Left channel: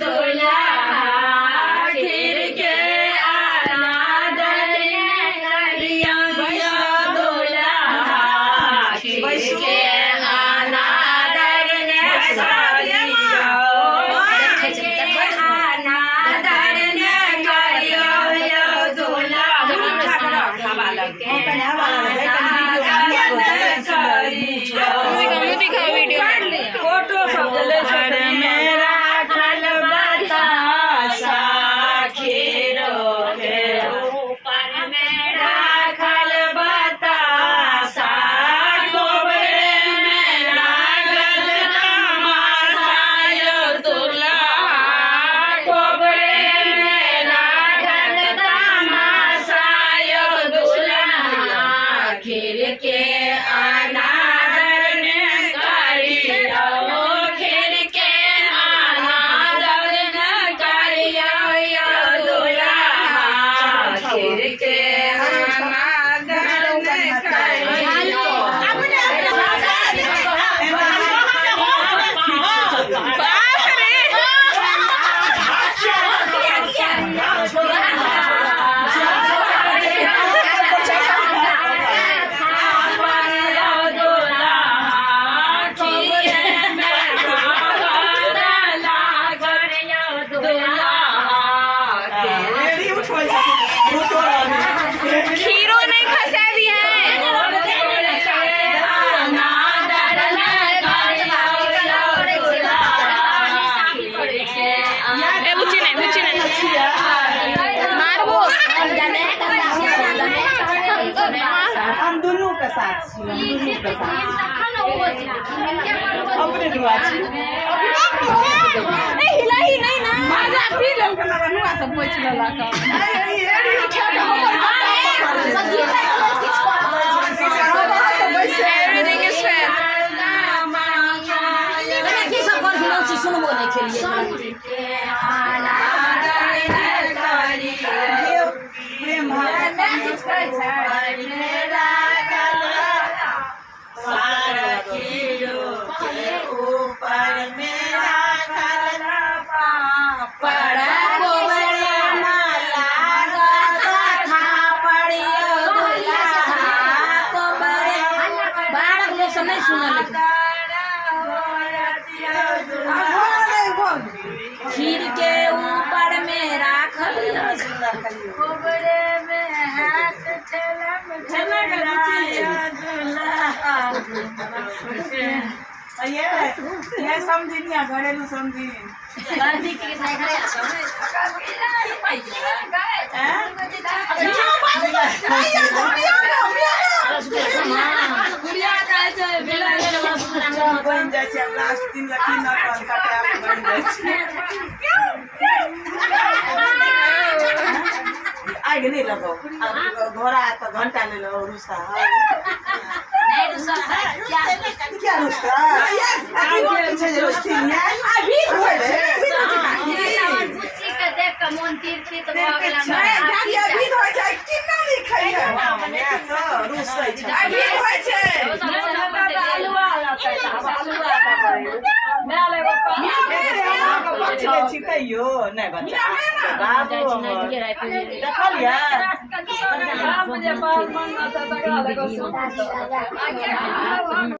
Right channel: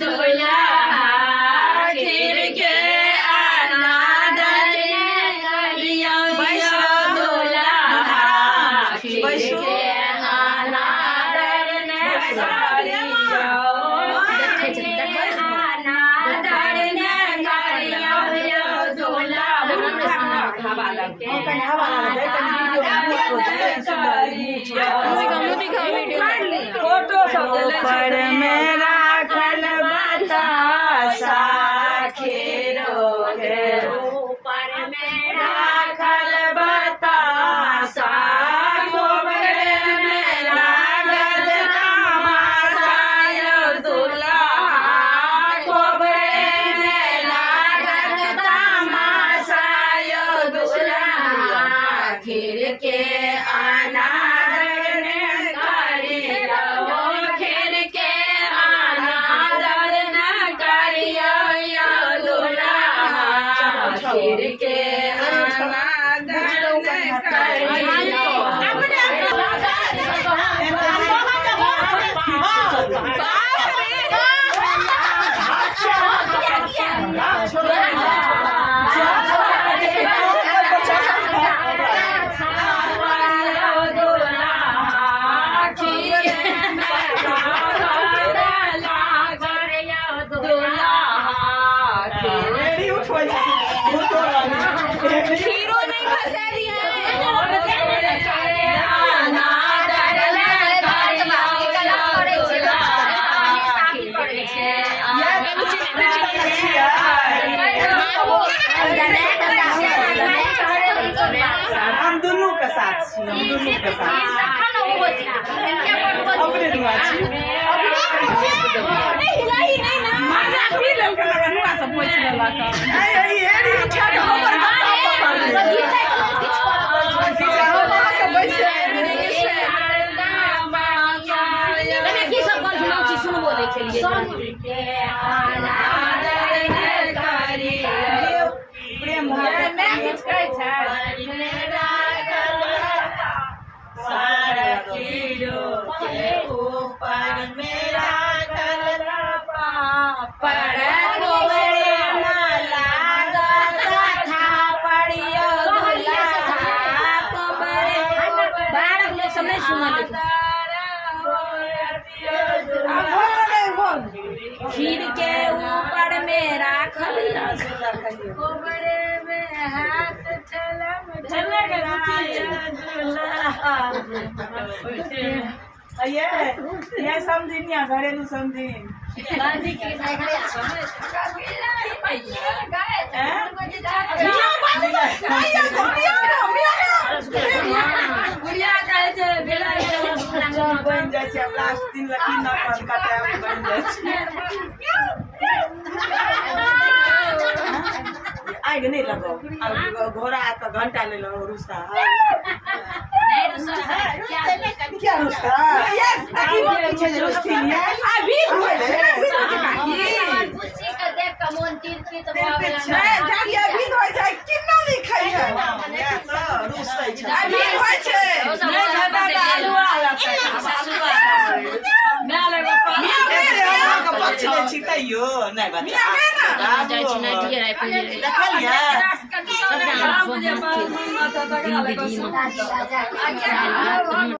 दूल्हा खीर के अनादर करियो दूल्हा खीर के अनादर फोटो सब मेरा खल बतासा खीरो के ऊपर मेरा खल बतासा गोबरे मेरा गल मासायो दूल्हा गोबरे मेरा गल मासायो दूल्हा खीर के अनादर करियो खीर के अनादर करियो दूल्हा खीर के खीरो नहीं खसा दी है हम दोनों के साथ अपने दुआ छी सारा खीरो के ऊपर मेरा खीर के ऊपर मेरा कोबरे में हाथ ये समझिन या घरेलू समझिन बन जाए लास्ट दिन लकी न कटे बन जाए आगे नहीं लगाओ घोड़ा तो घंटा ले लो रुसा क्या रुसा पीछे रुस्ती है अभी देख के मन तीर्थी तो अभी हो जाए कितना नहीं खाइए तो रुसै छै अभी होइ छै छितैयो नहीं बता